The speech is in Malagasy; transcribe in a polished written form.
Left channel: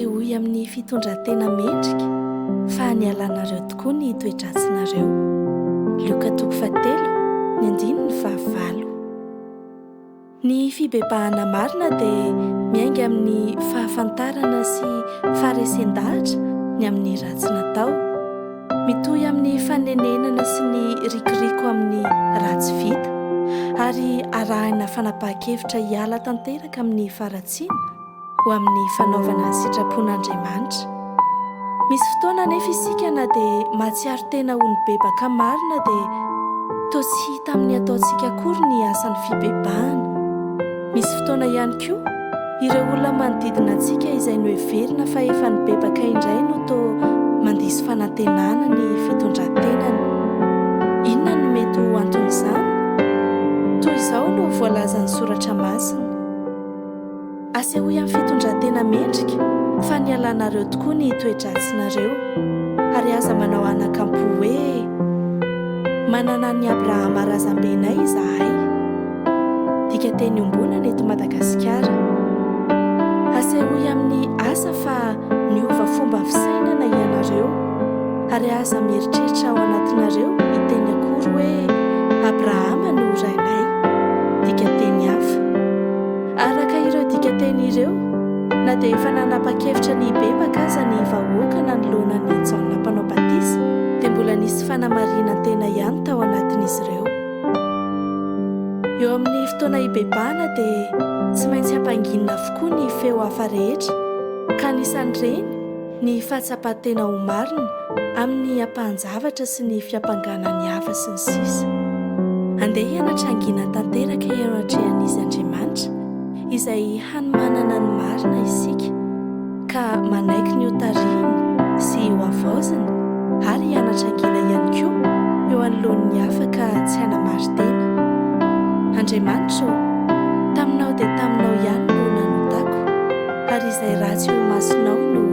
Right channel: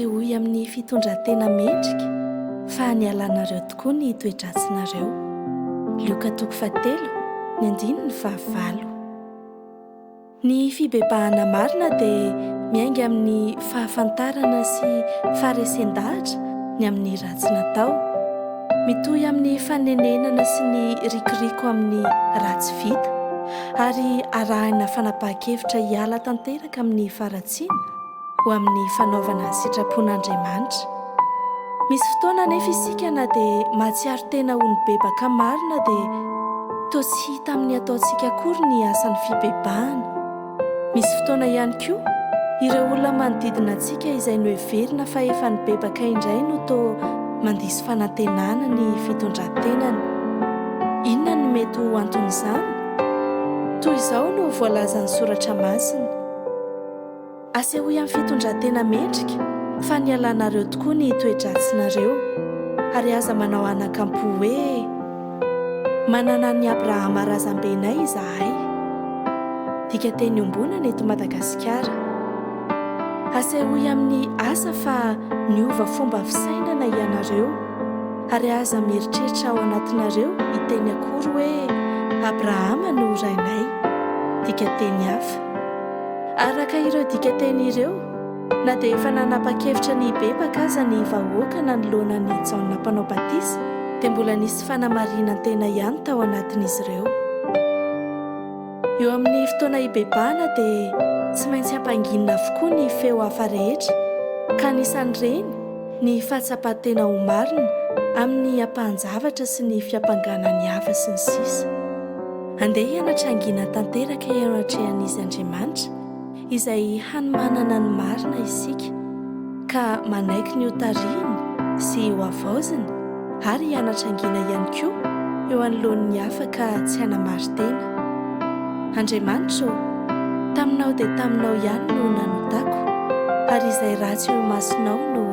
asehoy amin'ny fitondran-tena mendrika fa ny alanareo tokoa ny toedratsinareo. Lioka 3:9-5. Ny fibebahana marina dia miainga amin'ny fahafantarana sy faharesen-dahatra ny amin'ny ratsy natao, mitohy amin'ny fanenenana sy ny rikoriko amin'ny ratsy vita, ary arahina fanapahan-kevitra hiala tanteraka amin'ny faratsiana ho amin'ny fanaovana sitrapon'Andriamanitra. Misy fotoana nefa isika na dia mahatsiaro tena ho ny bebaka marina dia toa tsy hita amin'ny ataontsika akory ny asan'ny fibebahana. Misy fotoana ihany koa ireo olona manodidina antsika izay noheverina fa efa nibebaka indray no toa mandiso fanantenana ny fitondran-tenany. Inona no mety ho anton'izany? Toy izao no voalazan'ny soratra masina: asehoy amin'ny fitondran-tena mendrika fa ny alanareo tokoa ny toedratsinareo, ary aza manao anakampo hoe manana ny Abrahama razambenay izahay. Dika teny ombonana eto Madagasikara. Asehoy amin'ny asa fa niova fomba fisainana ianareo, ary aza mieritreritra ao anatinareo iteny akory hoe Abrahama no rainay. Dika teny hafa. Araka ireo dika teny ireo, na dia efa nanapa-kevitra ny bebaka aza ny vahoaka nanoloana ny Jaona mpanao batisa, dia mbola nisy fanamarinan-tena ihany tao anatin'izy ireo. Eo amin'ny fotoana hibebahana dia tsy maintsy hampanginina avokoa ny feo hafa rehetra, ka nisan'ireny ny fahatsapatena ho marina amin'ny ampahan-javatra sy ny fiampanganany hafa sy ny sisa. Andeha hianatra tanteraka eo anatrehan'izy Andriamanitra izay hanomanana ny marina isika, ka manaiky ny hotariany sy ho avaozany, ary hianatra ihany koa eo anoloan'ny hafa ka tsy hanamary-tena. Andriamanitra, taminao dia taminao ihany no nanotako, ary izay ratsy eo masonao no